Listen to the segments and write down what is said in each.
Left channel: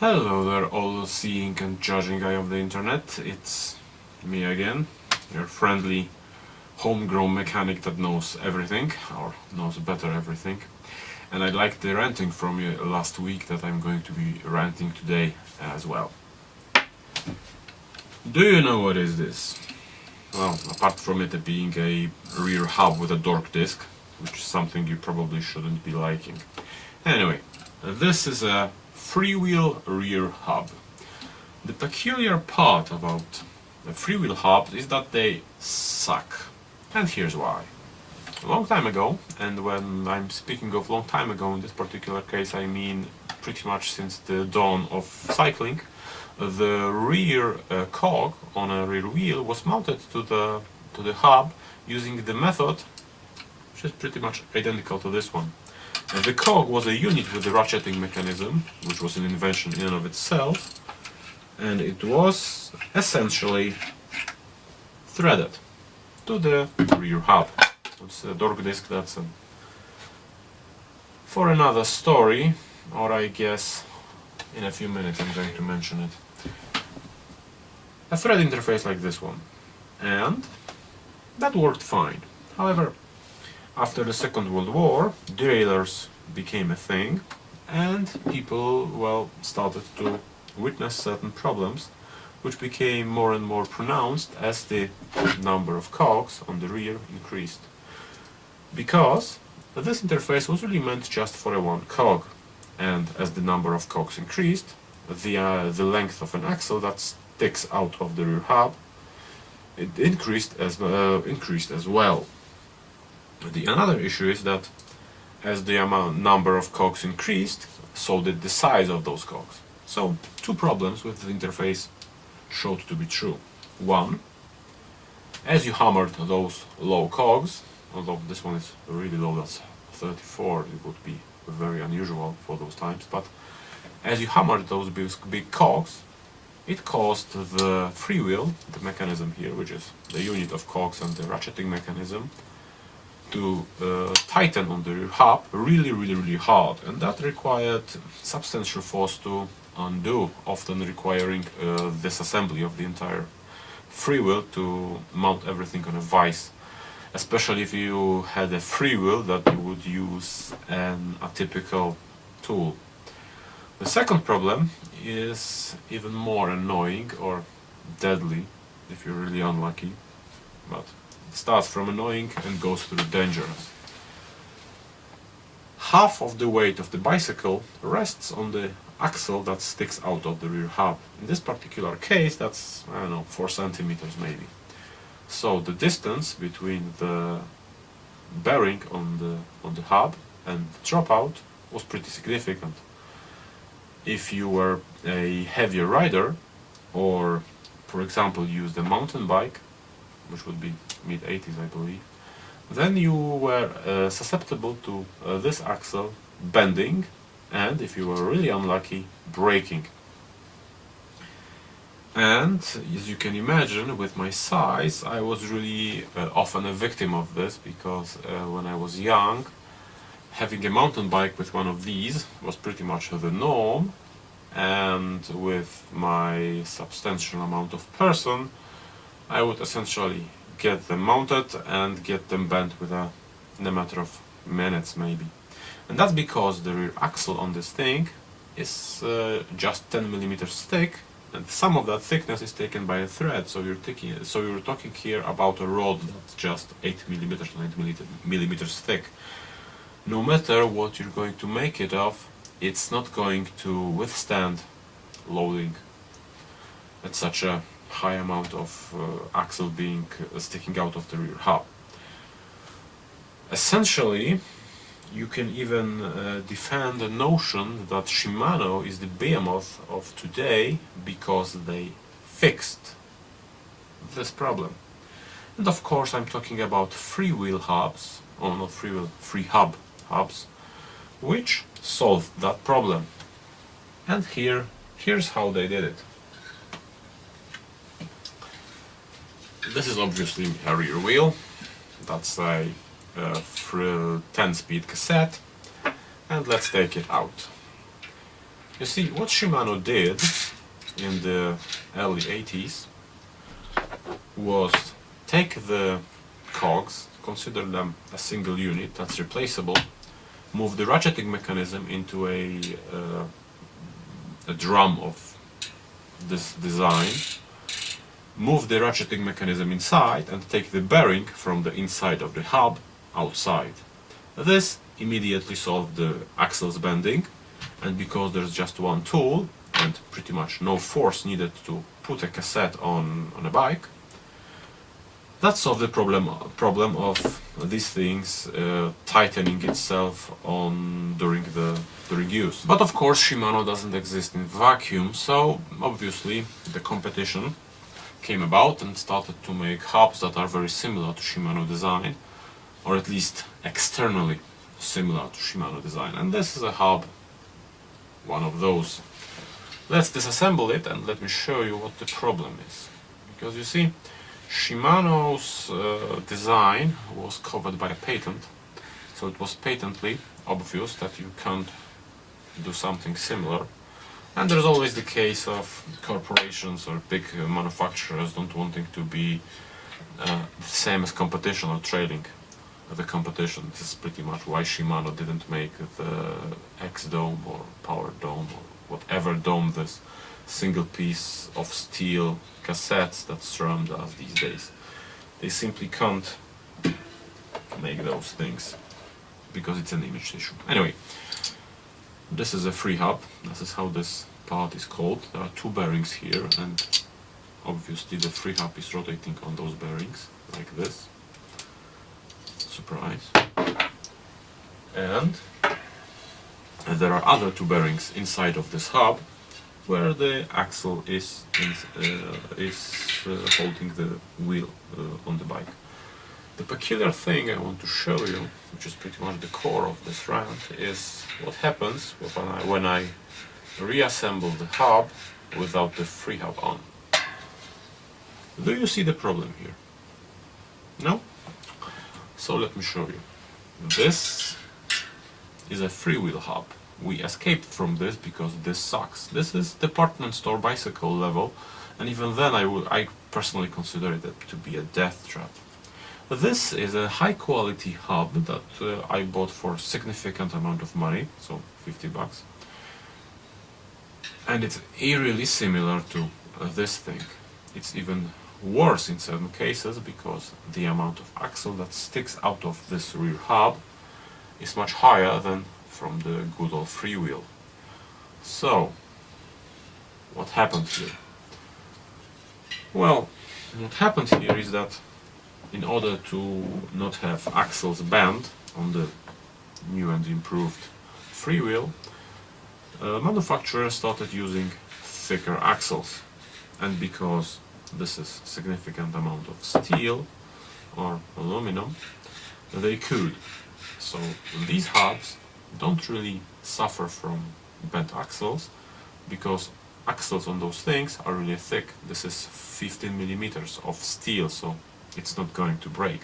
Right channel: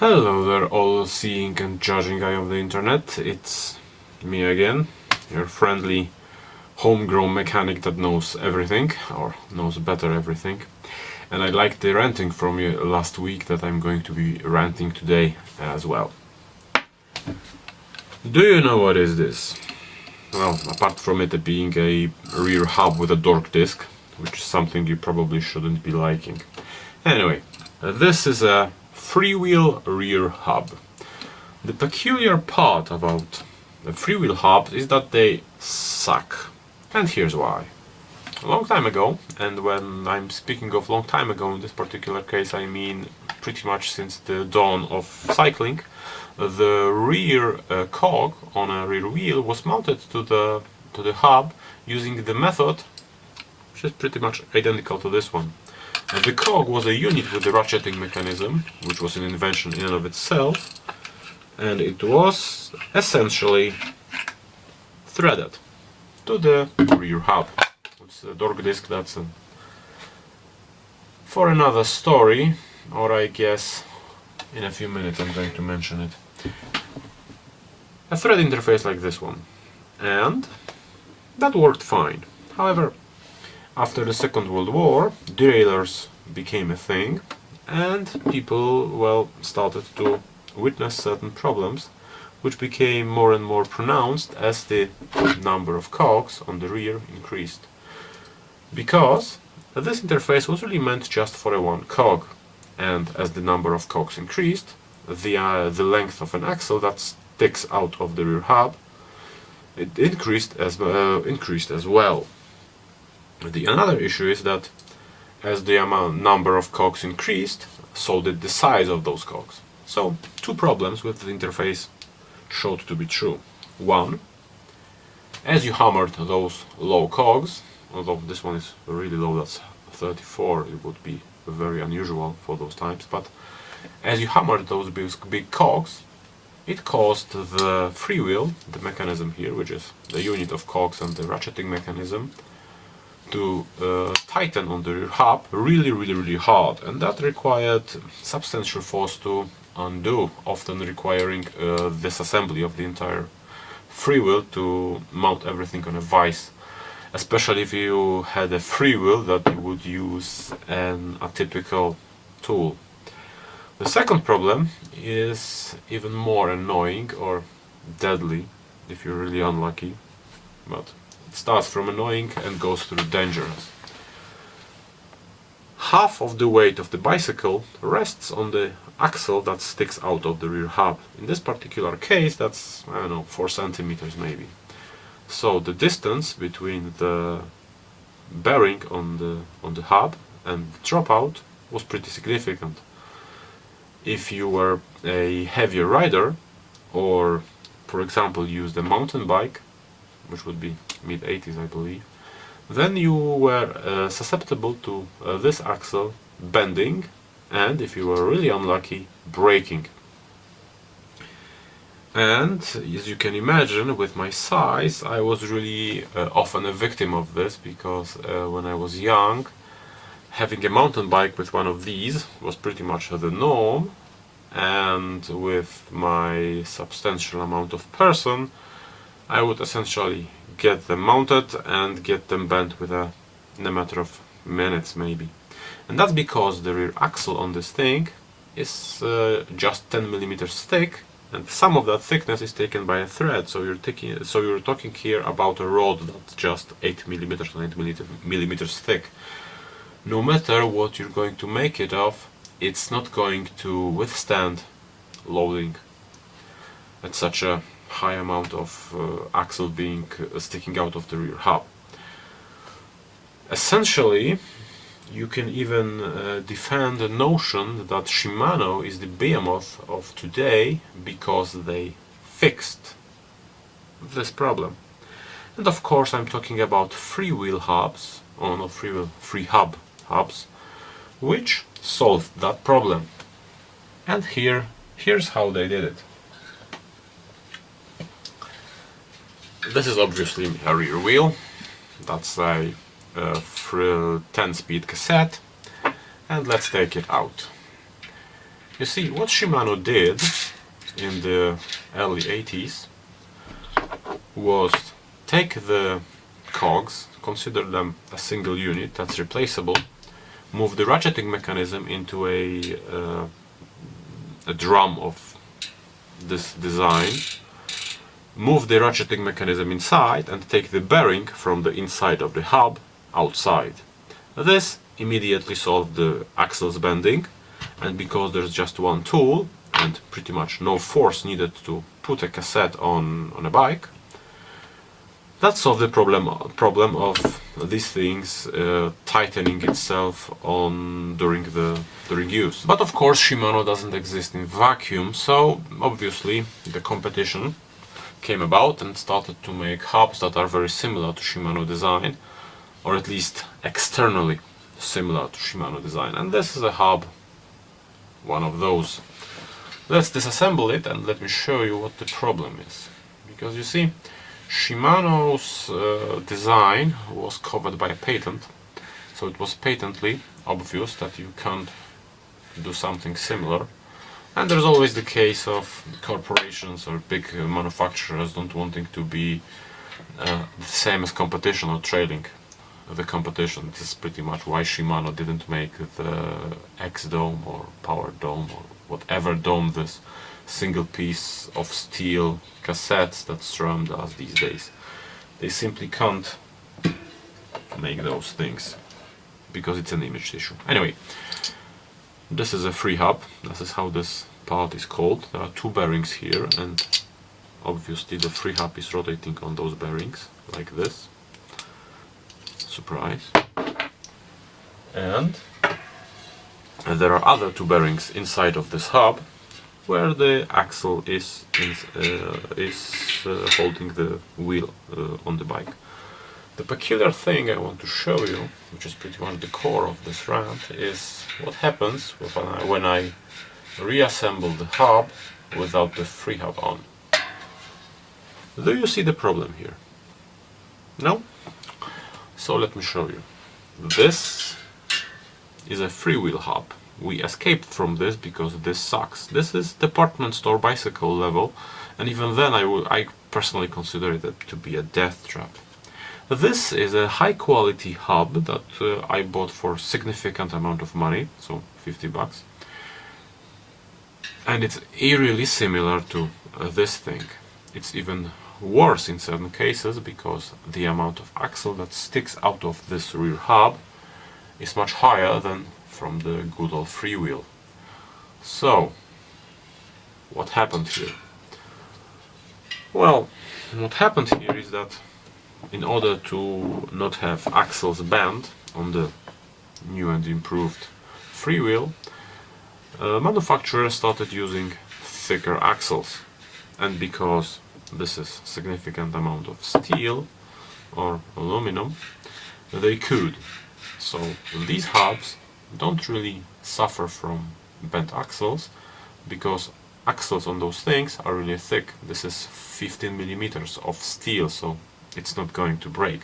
Hello there, all-seeing and judging eye of the internet. It's me again, your friendly homegrown mechanic that knows everything, or knows better everything. And I liked the ranting from you last week that I'm going to be ranting today as well. Do you know what is this? Well, apart from it being a rear hub with a dork disc, which is something you probably shouldn't be liking. Anyway, this is a freewheel rear hub. The peculiar part about the freewheel hubs is that they suck. And here's why. A long time ago, and when I'm speaking of long time ago in this particular case I mean pretty much since the dawn of cycling, the rear cog on a rear wheel was mounted to the hub using the method which is pretty much identical to this one. The cog was a unit with the ratcheting mechanism, which was an invention in and of itself, and it was essentially threaded to the rear hub. It's a dork disc, that's for another story, or I guess in a few minutes I'm going to mention it. A thread interface like this one, and that worked fine. However, after the Second World War, derailleurs became a thing, and people, well, started to witness certain problems, which became more and more pronounced as the number of cogs on the rear increased. Because this interface was really meant just for a one cog, and as the number of cogs increased, the length of an axle that sticks out of the rear hub, it increased as well. Another issue is that as the number of cogs increased, so did the size of those cogs. So, two problems with the interface showed to be true. One, as you hammered those low cogs, although this one is really low, that's 34, it would be very unusual for those times, but as you hammered those big cogs, it caused the freewheel, the mechanism here, which is the unit of cogs and the ratcheting mechanism, to tighten on the rear hub really hard, and that required substantial force to undo, often requiring disassembly of the entire freewheel to mount everything on a vise, especially if you had a freewheel that you would use an atypical tool. The second problem is even more annoying or deadly if you're really unlucky, but it starts from annoying and goes through dangerous. Half of the weight of the bicycle rests on the axle that sticks out of the rear hub. In this particular case, that's, I don't know, 4 centimeters maybe. So the distance between the bearing on the hub and the dropout was pretty significant. If you were a heavier rider, or for example used a mountain bike, which would be mid-80s I believe, then you were susceptible to this axle bending, and if you were really unlucky, breaking. And as you can imagine, with my size, I was really often a victim of this, because when I was young, having a mountain bike with one of these was pretty much the norm, and with my substantial amount of person, I would essentially get them mounted and get them bent in a matter of minutes maybe. And that's because the rear axle on this thing is just 10 millimeters thick, and some of that thickness is taken by a thread, so you're talking here about a rod that's just 8 millimeters, 9 millimeters thick. No matter what you're going to make it of, it's not going to withstand loading at such a high amount of axle being sticking out of the rear hub. Essentially, you can even defend the notion that Shimano is the behemoth of today because they fixed this problem. And of course I'm talking about freewheel hubs, or not freewheel, freehub hubs, which solved that problem. And here's how they did it. This is obviously a rear wheel. That's a 10-speed cassette, and let's take it out. You see, what Shimano did in the early 80s was take the cogs, consider them a single unit that's replaceable, move the ratcheting mechanism into a drum of this design, move the ratcheting mechanism inside and take the bearing from the inside of the hub outside. This immediately solved the axles bending, and because there's just one tool and pretty much no force needed to put a cassette on a bike, that solved the problem of these things tightening itself during use. But of course Shimano doesn't exist in vacuum, so obviously the competition came about and started to make hubs that are very similar to Shimano design, or at least externally similar to Shimano design. And this is a hub, one of those. Let's disassemble it and let me show you what the problem is. Because you see, Shimano's design was covered by a patent, so it was patently obvious that you can't do something similar. And there's always the case of corporations or big manufacturers don't wanting to be the same as competition or trailing the competition. This is pretty much why Shimano didn't make the X Dome or Power Dome or whatever dome this single piece of steel cassettes that SRAM does these days. They simply can't make those things because it's an image issue. Anyway, this is a free hub. This is how this part is called. There are two bearings here, and obviously the free hub is rotating on those bearings like this. Surprise. And there are other two bearings inside of this hub where the axle is holding the wheel on the bike. The peculiar thing I want to show you, which is pretty much the core of this rant, is what happens when I reassemble the hub without the free hub on. Do you see the problem here? No? So let me show you. This is a freewheel hub. We escaped from this because this sucks. This is department store bicycle level, and even then I personally consider it to be a death trap. This is a high quality hub that I bought for a significant amount of money, so 50 bucks. And it's eerily similar to this thing. It's even worse in certain cases because the amount of axle that sticks out of this rear hub is much higher than from the good old freewheel. So, what happened here? Well, what happened here is that in order to not have axles bend on the new and improved freewheel, manufacturers started using thicker axles, and because this is significant amount of steel or aluminum, they could. So these hubs don't really suffer from bent axles because axles on those things are really thick. This is 15 millimeters of steel, so it's not going to break.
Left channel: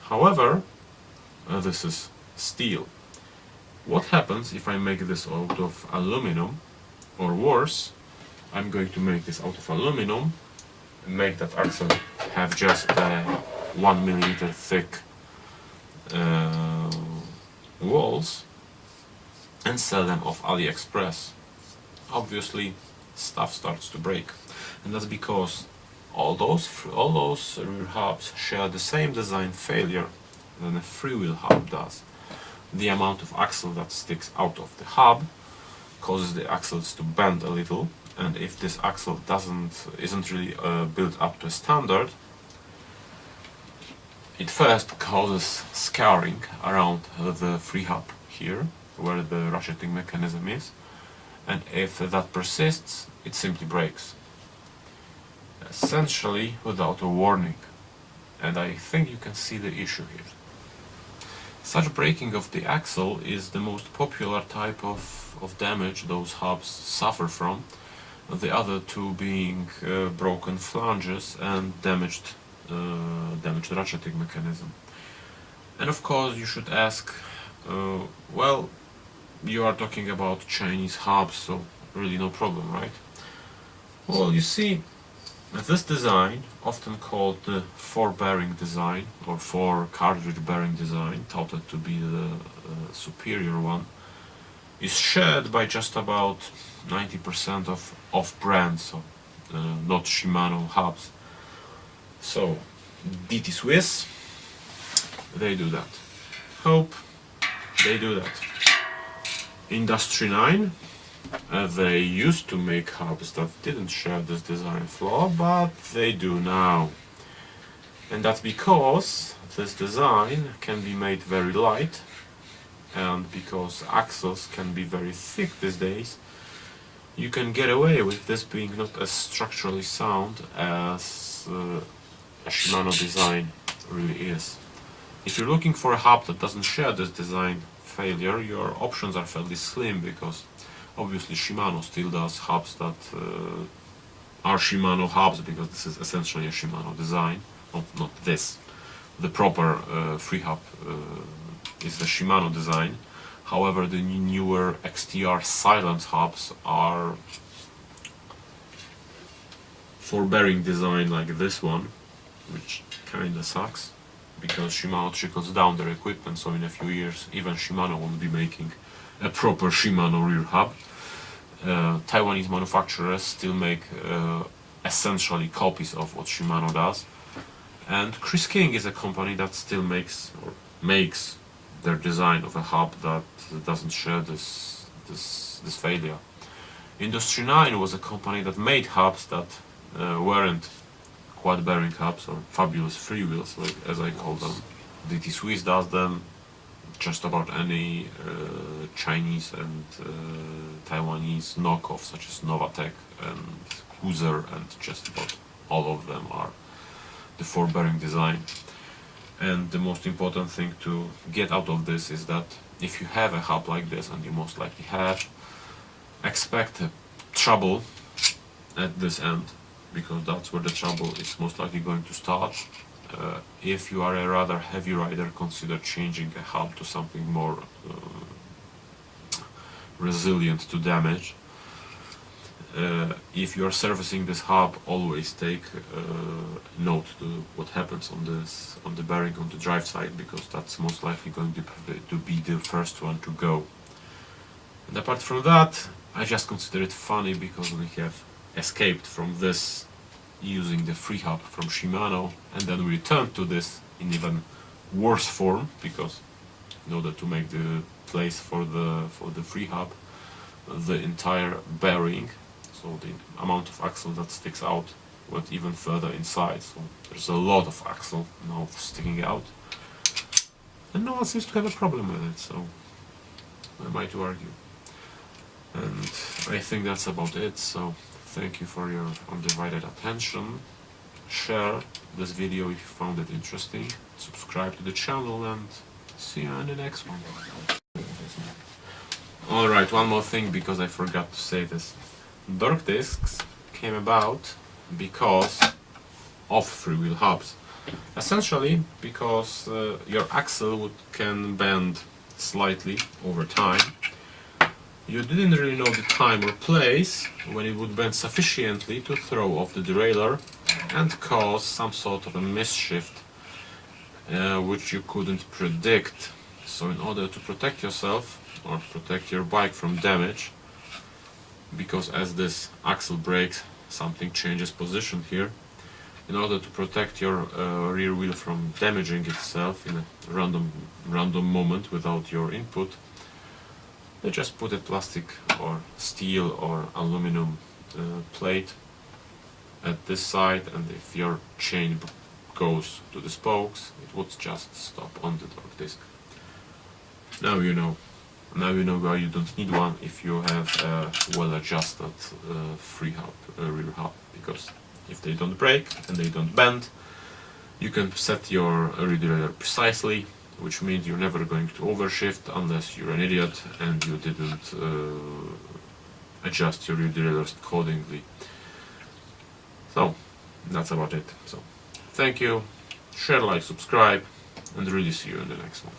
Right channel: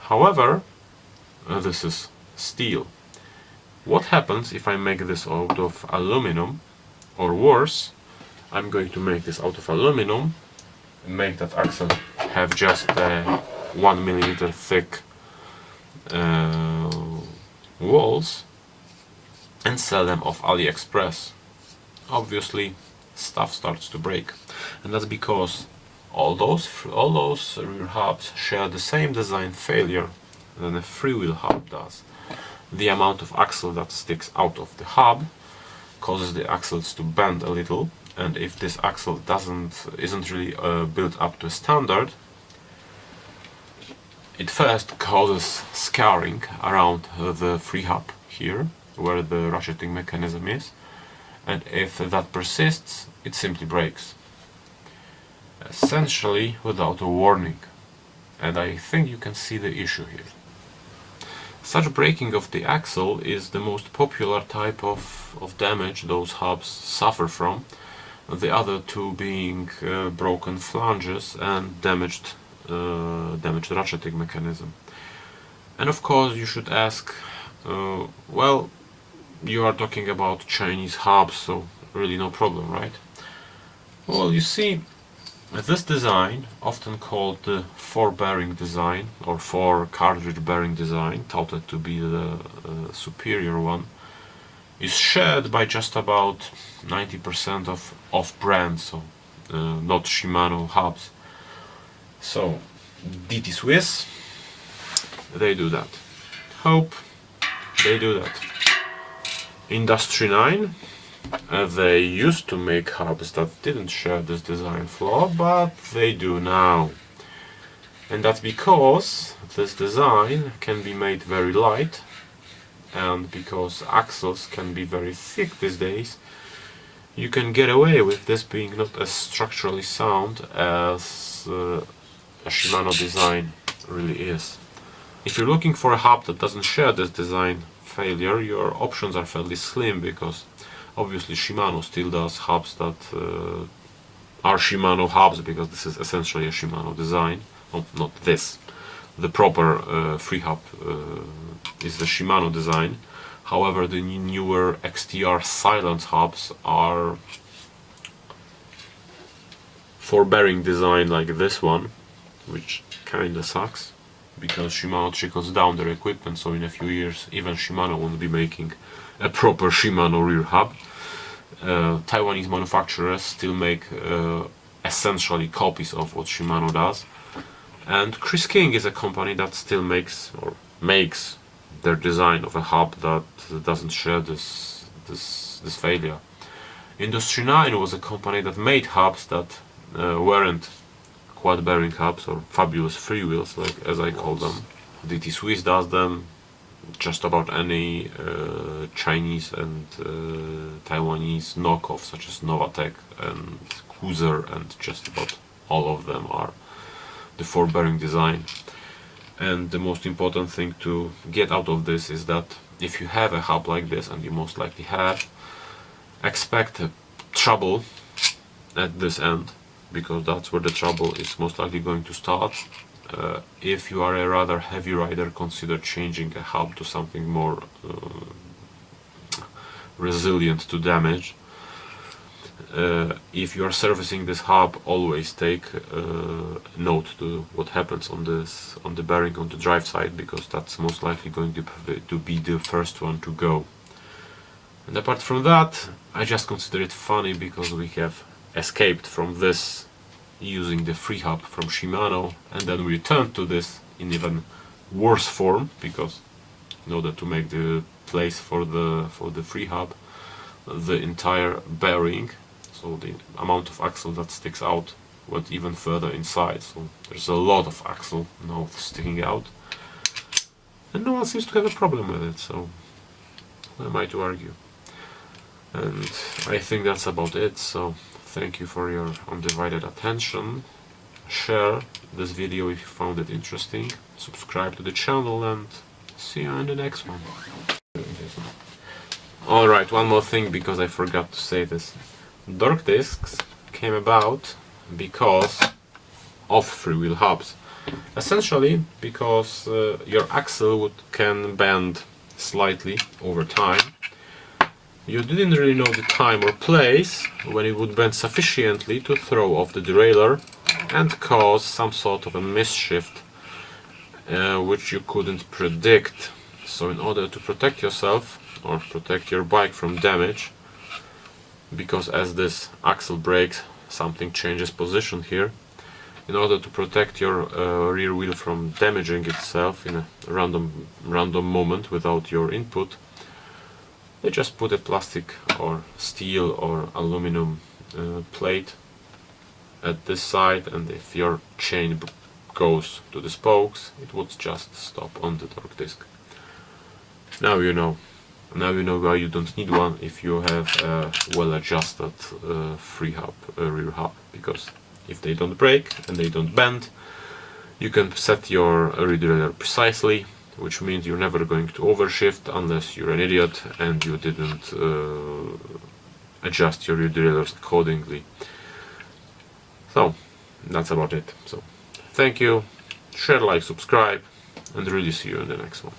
However, this is steel. What happens if I make this out of aluminum, or worse, I'm going to make this out of aluminum and make that axle have just 1 millimeter thick walls and sell them off AliExpress. Obviously stuff starts to break, and that's because all those rear hubs share the same design failure than a freewheel hub does. The amount of axle that sticks out of the hub causes the axles to bend a little, and if this axle isn't really built up to a standard, it first causes scarring around the free hub here, where the ratcheting mechanism is, and if that persists, it simply breaks. Essentially without a warning. And I think you can see the issue here. Such breaking of the axle is the most popular type of damage those hubs suffer from, the other two being broken flanges and damaged ratcheting mechanism. And of course you should ask, well, you are talking about Chinese hubs, so really no problem, right? Well, you see, this design, often called the four-bearing design or four-cartridge bearing design, touted to be the superior one, is shared by just about 90% of off-brand, so not Shimano hubs. So DT Swiss, they do that. Hope, they do that. Industry 9, they used to make hubs that didn't share this design flaw, but they do now. And that's because this design can be made very light, and because axles can be very thick these days, you can get away with this being not as structurally sound as a Shimano design really is. If you're looking for a hub that doesn't share this design failure, your options are fairly slim, because obviously Shimano still does hubs that are Shimano hubs, because this is essentially a Shimano design, not this. The proper free hub is the Shimano design. However, the newer XTR silent hubs are four-bearing design like this one, which kinda sucks, because Shimano trickles down their equipment, so in a few years even Shimano won't be making a proper Shimano rear hub. Taiwanese manufacturers still make essentially copies of what Shimano does, and Chris King is a company that still makes their design of a hub that doesn't share this failure. Industry 9 was a company that made hubs that weren't quad bearing hubs, or fabulous freewheels, like as I call them. DT Swiss does them. Just about any Chinese and Taiwanese knockoff, such as Novatec and Cruiser, and just about all of them are the four bearing design. And the most important thing to get out of this is that if you have a hub like this, and you most likely have, expect trouble at this end, because that's where the trouble is most likely going to start. If you are a rather heavy rider, consider changing a hub to something more resilient to damage. If you are servicing this hub, always take note to what happens on the bearing on the drive side, because that's most likely going to be the first one to go. And apart from that, I just consider it funny because we have escaped from this using the free hub from Shimano, and then we returned to this in even worse form, because in order to make the place for the free hub, the entire bearing, so the amount of axle that sticks out, went even further inside, so there's a lot of axle now sticking out, and no one seems to have a problem with it, so who am I to argue? And I think that's about it. So thank you for your undivided attention. Share this video if you found it interesting, subscribe to the channel, and see you in the next one. Alright, one more thing, because I forgot to say this. Dork discs came about because of freewheel hubs. Essentially because your axle can bend slightly over time. You didn't really know the time or place when it would bend sufficiently to throw off the derailleur and cause some sort of a mischief which you couldn't predict. So in order to protect yourself or protect your bike from damage, because as this axle breaks, something changes position here, in order to protect your rear wheel from damaging itself in a random moment without your input, they just put a plastic or steel or aluminum plate at this side, and if your chain goes to the spokes, it would just stop on the torque disc. Now you know. Now you know why you don't need one if you have a well-adjusted free hub, rear hub, because if they don't break and they don't bend, you can set your rear derailleur precisely, which means you're never going to overshift unless you're an idiot and you didn't adjust your rear derailleurs accordingly. So that's about it. So thank you, share, like, subscribe, and really see you in the next one.